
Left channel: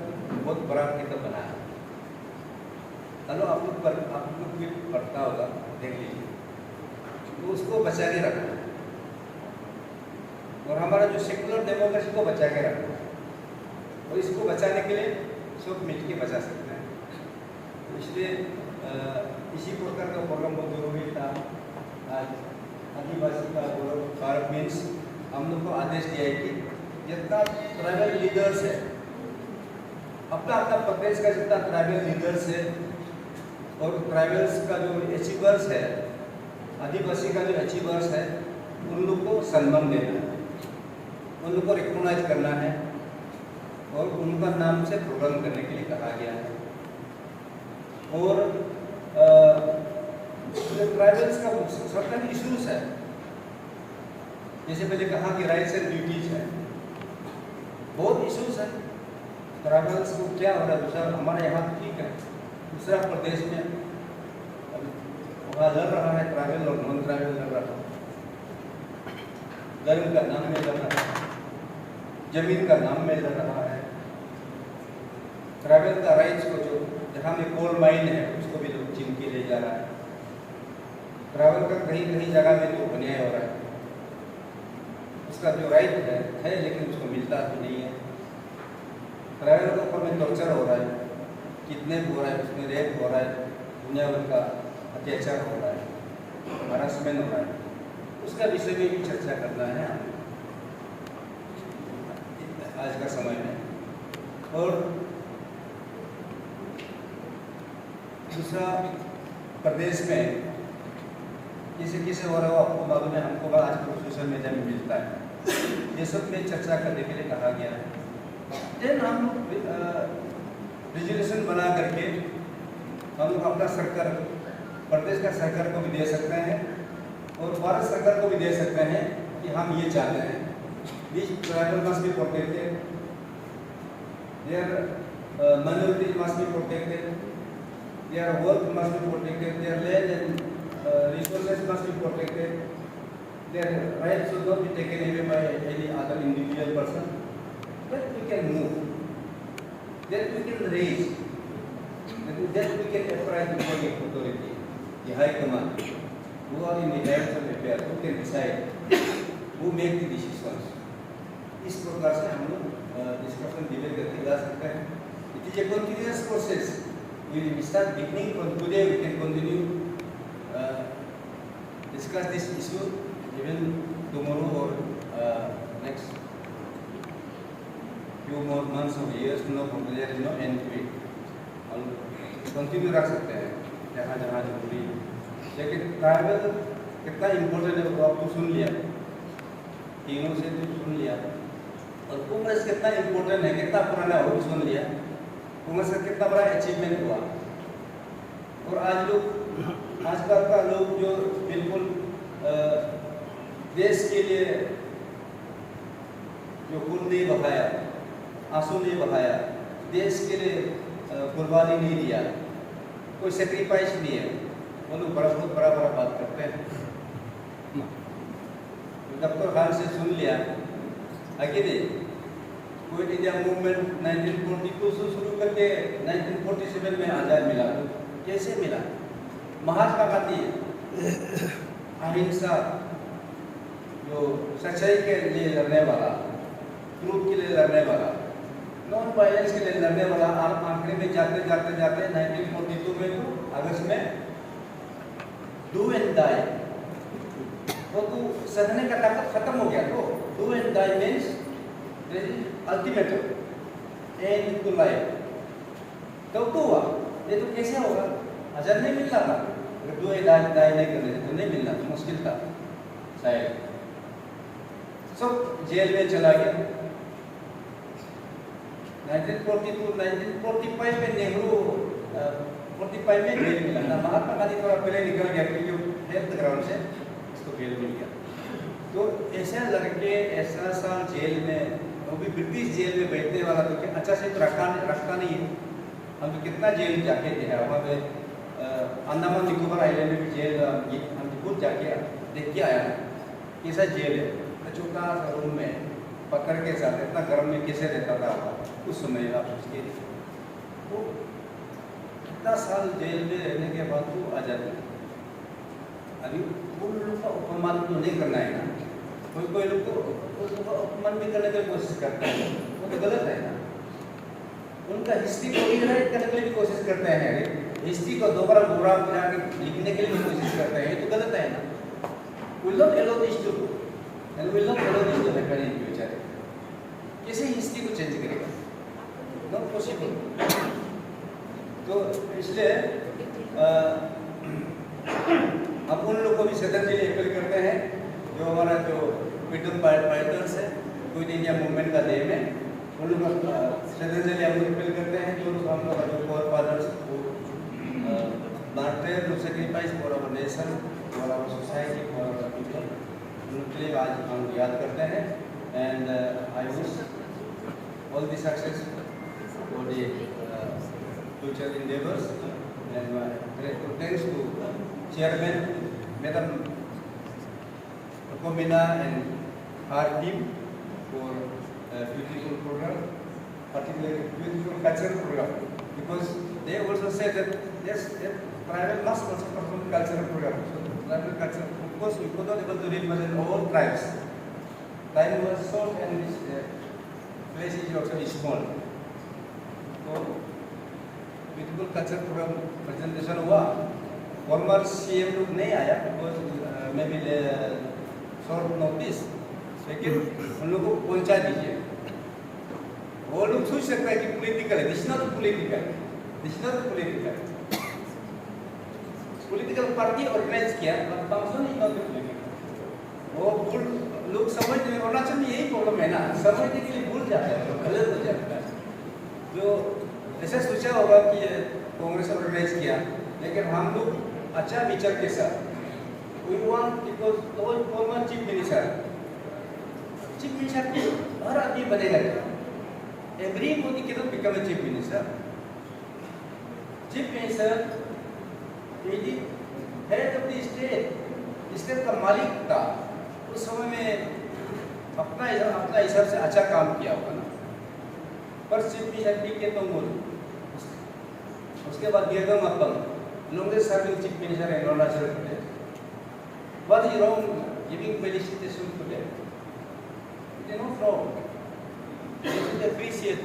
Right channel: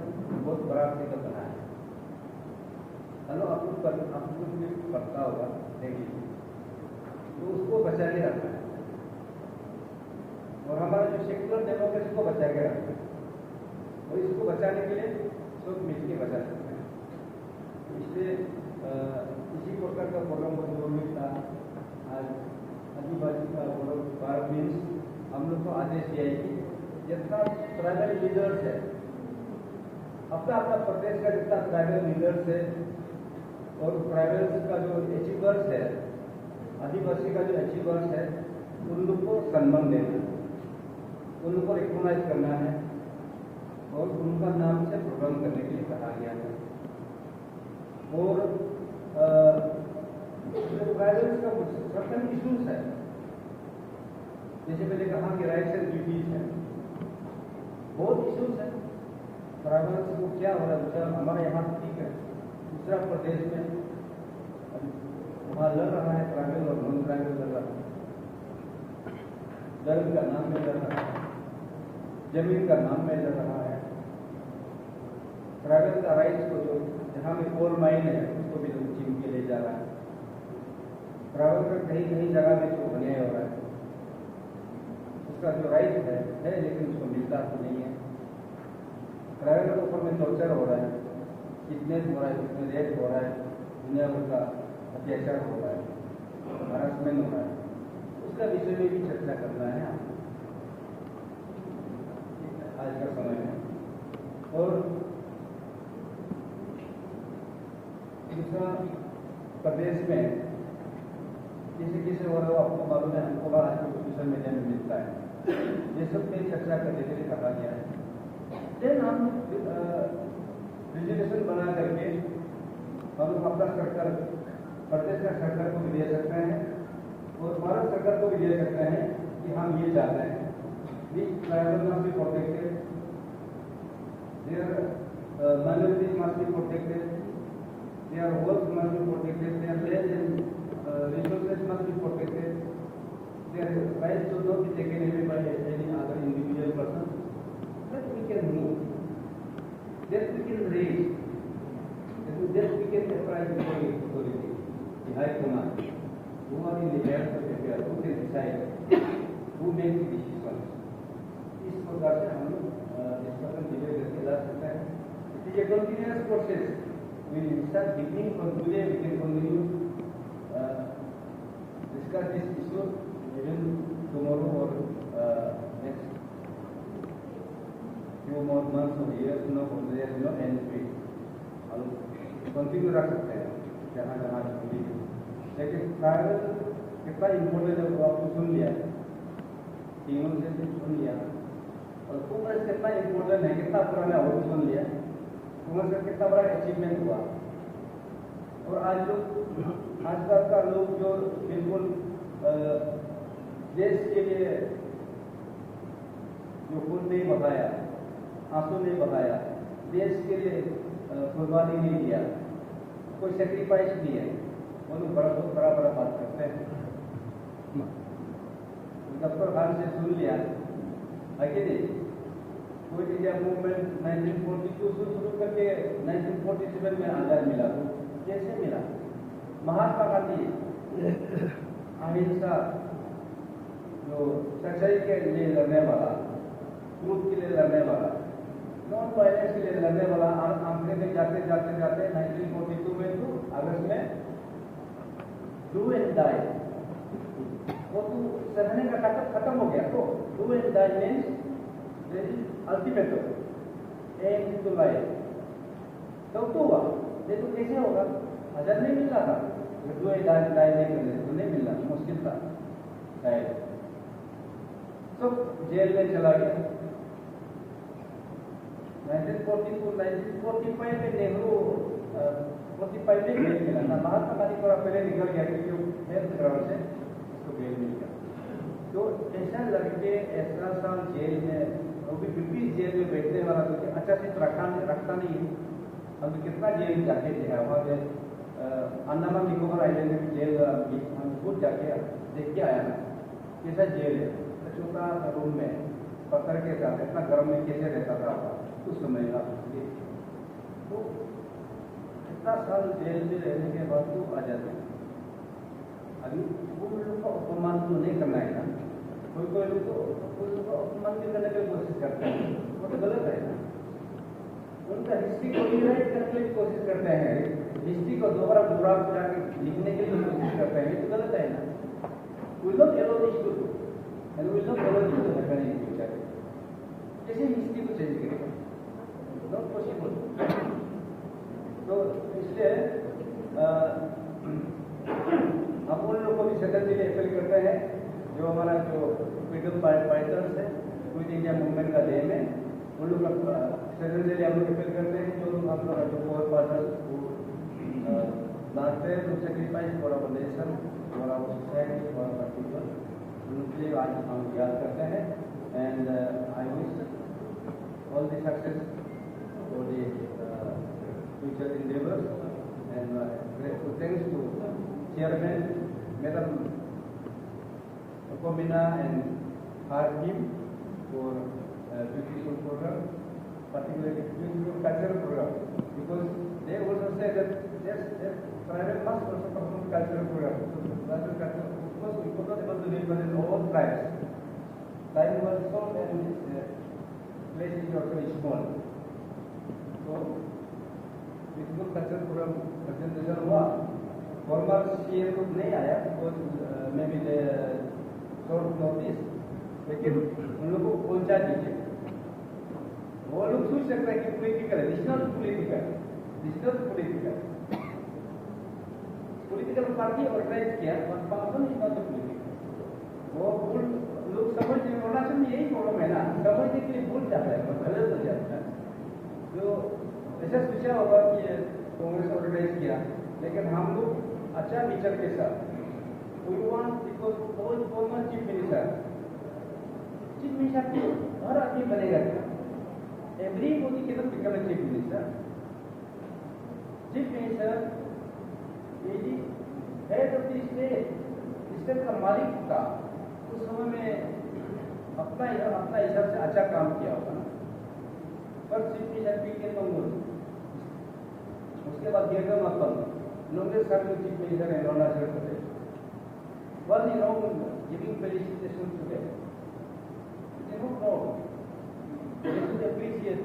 बहुत बड़ा किताब बना है। चलो आप लोग भी पढ़ता होगा, देख लीजिए, तो उसको बचा के रखना है और हमारा जो सेकुलर डेमोक्रेसी को बचा के रखना है। और इसको बचाने के लिए सब मिल के बचा सकते हैं। तो इसलिए इसी प्रकार का प्रोग्राम बहुत जरूरी था। आज आदिवासी का भारत मीन्स हम लोग को आदेश दिया है कि जितना ट्राइबल लीडर्स है, अपना अपना प्रदेश का जितना ट्राइबल लीडर्स है और ट्राइबल्स का जो अचीवर्स है, आदिवासी का जो अचीवर्स है, उन लोग को सम्मान देना है, उन लोग को रिकॉग्नाइज करना है और उनका नाम से प्रोग्राम करने के लिए कहा गया है। और ट्राइबल्स का सर्टेन इश्यूज है, जैसे पहले कहा कि राइट्स एंड ड्यूटीज है, बहुत इश्यूज है। ट्राइबल्स को क्या हो रहा है, दूसरा हमारा यहाँ तो ठीक है, दूसरा प्रदेश में वहाँ लड़ रहा है ट्राइबल और नॉन ट्राइबल लड़ रहा है, धर्म का नाम में लड़ रहा है, जमीन का नाम में लड़ रहा है। ट्राइबल का राइट्स को जो जहाँ में कोल माइन है उसको भी लोग छीन के ले जा रहा है। ट्राइबल का कहीं कहीं जगह में जो अन्याय हो रहा है, उसका जो राइट है लेकिन उसको मिलता तो नहीं है। ट्राइबल के ऊपर में टॉर्चर हो रहा है, किडनैप हो रहा है, उसमें रेप हो रहा है, दुनिया भर का अत्याचार हो रहा है, हरासमेंट हो रहा है, उसका विषय में भी चर्चा करना है आज का समय में। और दूसरा प्रदेश में किसे हो रहा हो आपको मालूम है, हमको आजकल सोशल मीडिया में मिलता है, ये सब में चर्चा करने के लिए कहा गया है। देन हम रेजोल्यूशन बना करके हम लोग अपना सरकार, प्रदेश का सरकार को भी दे सकते हैं और भारत सरकार को भी दे सकते हैं कि हम ये चाहते हैं These tribal must be protected, their minorities must be protected, their wealth must be protected, their land and resources must be protected, their rights should not be taken away by any other individual person. Then we can move, then we can raise, then we can apply to the authority, the high command, who are in the hands of affairs, who can decide, who make the decisions. इस प्रकार से हम लोग discussion debate करके जा सकते हैं। It is a continuous process, we start beginning from today, we can continue discuss this issue even tomorrow और next few more months or years, there is no end to it. हम कंटिन्यू रख सकते हैं जहाँ जहाँ जरूरी है। लेकिन ट्राइबल कितना इम्पोर्टेंट है वो आपको सुन लिया, तीनों से तो सुन लिया, और कांग्रेस कितना इम्पोर्टेंट है, कितना पुराना हो सुन लिया, कांग्रेस का कितना बड़ा अचीवमेंट हुआ। और आज लोग, आजकल का लोग जो बिल्कुल देश के लिए जो खून नहीं बहाया, आंसू नहीं बहाया, देश के लिए कुर्बानी नहीं दिया, कोई सेक्रीफाइस नहीं है, वो लोग बहुत बड़ा बड़ा बात करते हैं। डॉक्टर खान से सुन लिया आगे क्विट इंडिया मूवमेंट 1942 से शुरू करके 1947 में आज़ाद मिला। कैसे मिला? महात्मा गांधी अहिंसा, जो सच्चाई के लिए लड़ने वाला, ट्रूथ के लिए लड़ने वाला, नॉन वायलेंस के लिए लड़ने वाला, आखिरी में जाते जाते जाते 1942 में अगस्त में डू एंड डाई, वो तो सहने का ताकत खत्म हो गया। तो do and die means ultimate end to life. तब तो हुआ, ये तो कैसे होगा? आजाद नहीं मिल रहा था, अगर 2 इलाज नहीं करने तो नहीं मिलना, मुश्किल था शायद। सब जेल में चला गया। 1945 में नेहरू 45 में बेल मिला ना, महात्मा गांधी थोड़ा पहले निकल गया क्योंकि हेल्थ ग्राउंड से उसको बेल मिल गया। तो ऐसा लड़के ऐसा साल जेल में, वो भी ब्रिटिश जेल में बैठने वाला, तो क्या अच्छा से रखता नहीं है। हम तो कितना जेल जाके थे, हमारे अंडमान निकोबार आइलैंड में भी जेल हम खुद जाके देख के आया कैसा जेल है। तो छोटा सा रूम में पत्थर के साथ इतना गर्म में कैसे रहता था उस समय आप उसके। तो कितना साल जेल में रहने के बाद वो आज़ादी। अभी उन लोगों का अपमान तो नहीं करना है ना, कोई लोग को अपमान भी करने की कोशिश करते हैं, वो तो गलत है ना। उनका हिस्ट्री को रीराइट करने के लिए भी कोशिश करते हैं, हिस्ट्री को दोबारा दोहरा फिरा के लिखने के लिए भी कोशिश करते हैं, ये तो गलत है ना। We will not allow this to, and we will not allow this to happen in future. कैसे हिस्ट्री को चेंज करेगा? Not possible. तो इसलिए हम उन लोगों को भी श्रद्धांजलि अपील करते हैं जो हमारा जो फ्रीडम फाइटर्स है, क्विट इंडिया मूवमेंट का डे में उन लोगों को श्रद्धांजलि हम लोग अपील करते हैं। जो लोग हम लोग जो फोर फादर्स को martyr to sacrifice for our nation, for our society, for our people, उनके लिए आज हम याद करते हैं। And I wish all the success for the future endeavors, and grateful thanks to Chairman Madam Komina and her team for the beautiful program, particularly beautiful cultural program, because they also said that yes, private must also perform cultural program. So private culture, because we could not able to represent all tribes. Time was short and this place is also small. So beautiful culture program presentation हुआ। Farmer CM लोग नहीं आया because may be short notice, लेकिन उन लोगों को पहुंचा दीजिए। वो लोग सोच सकते हैं कि पॉलिटिकल है, this not political, this not political. Political party organise किया और फंक्शन ही नॉट पॉलिटिकल। वो भूल लोग समझते हैं, अरुणाचल में यही प्रॉब्लम है ना, समझने के लिए भूल जाते हैं, गलत हो जाता है। जो ऐसा सोचा होगा कि कांग्रेस ऑर्गेनाइज किया, लेकिन हम लोग अच्छा विचार के साथ we want because all former chief minister की हर आदमी बनेगा, everybody cannot become a chief minister. Chief minister is the head of the state, state का मालिक था। उस समय में अपना हिसाब से अच्छा काम किया होगा ना, पर चीफ मिनिस्टर के तो उसके बाद गिरगम अपन longest serving chief minister in Arunachal Pradesh. What is wrong giving felicitation to them? It is not wrong. They should appreciate.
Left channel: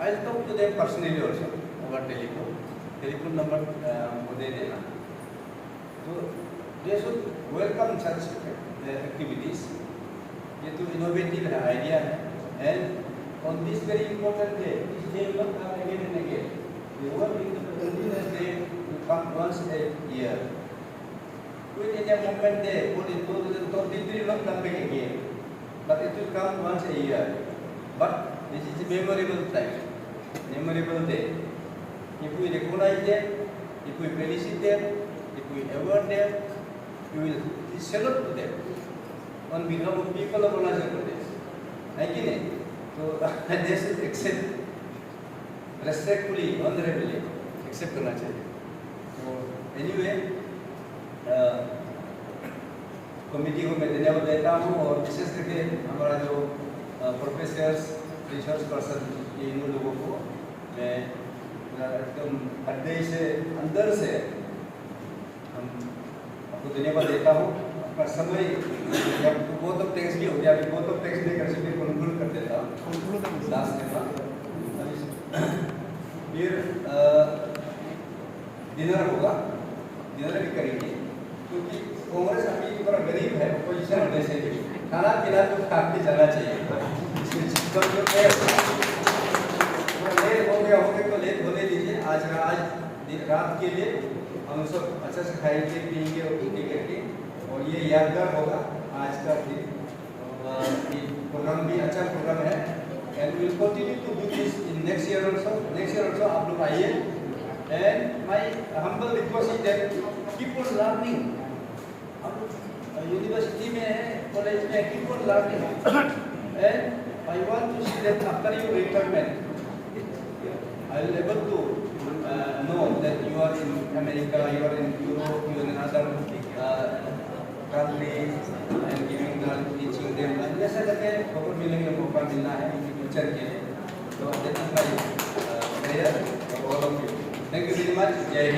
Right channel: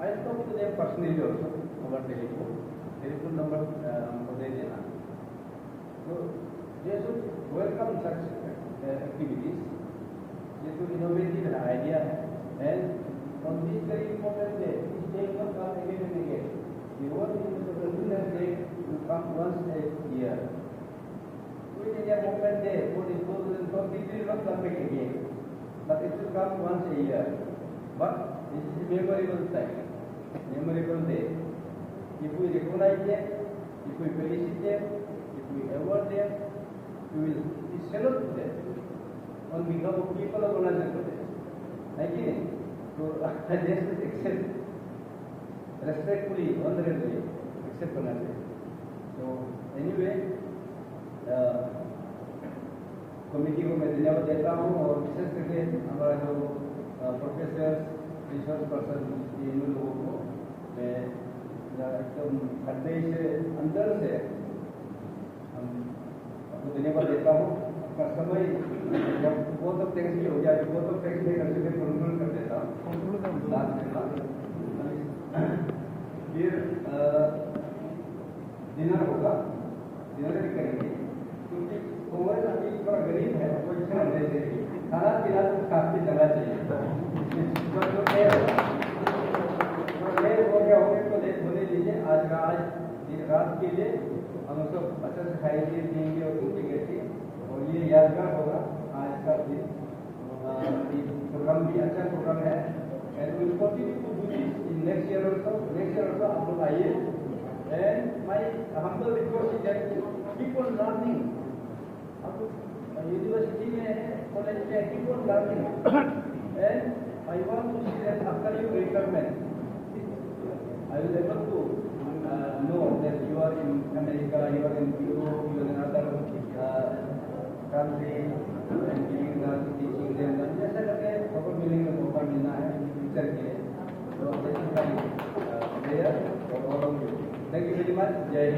I will talk to them personally also over telephone. Telephone number को दे देना. So they should welcome such activities. ये तो innovative idea है. And on this very important day, this day will not come again and again. The world Independence Day will come once a year. Quit India Movement Day, 2023 will not come back again, but it will come once a year. But this is a memorable time, memorable day. If we recognize them, if we felicit them, if we award them, we will salute to them on behalf of people of Arunachal Pradesh. है कि नहीं? तो they should accept. Respectfully, honorably accept करना चाहिए। तो anyway, committee को मैं धन्यवाद देता हूँ और विशेष करके हमारा जो प्रोफेसर्स, रिसर्च पर्सन, इन लोगों को मैं एकदम हृदय से अंदर से हम आपको धन्यवाद देता हूँ। अपना समय बहुत ऑफ टैक्स भी हो गया, बहुत ऑफ टैक्स नहीं कर सकते, कंक्लूड कर देता हूँ लास्ट के बाद। फिर डिनर होगा, डिनर भी करेंगे क्योंकि कांग्रेस अभी थोड़ा गरीब है, अपोजिशन होने से खाना पीना तो काफी जाना चाहिए। इसमें लेट हो गया तो लेट होने दीजिए। आज रात के लिए हम सब अच्छा से खाएंगे पिएंगे और घूमने करके, और ये यादगार होगा आज का दिन। प्रोग्राम भी अच्छा प्रोग्राम है, and will continue to do this in next year also. Next year also आप लोग आइए, and my humble request is that keep on learning. आप यूनिवर्सिटी में है, कॉलेज में, keep on learning, and I want to see that after your retirement, I will able to know that you are in America, you are in Europe, you are in other countries, and giving them, teaching them. जैसे करके खबर मिलने का मौका मिलना है फ्यूचर के लिए, तो that is my prayer.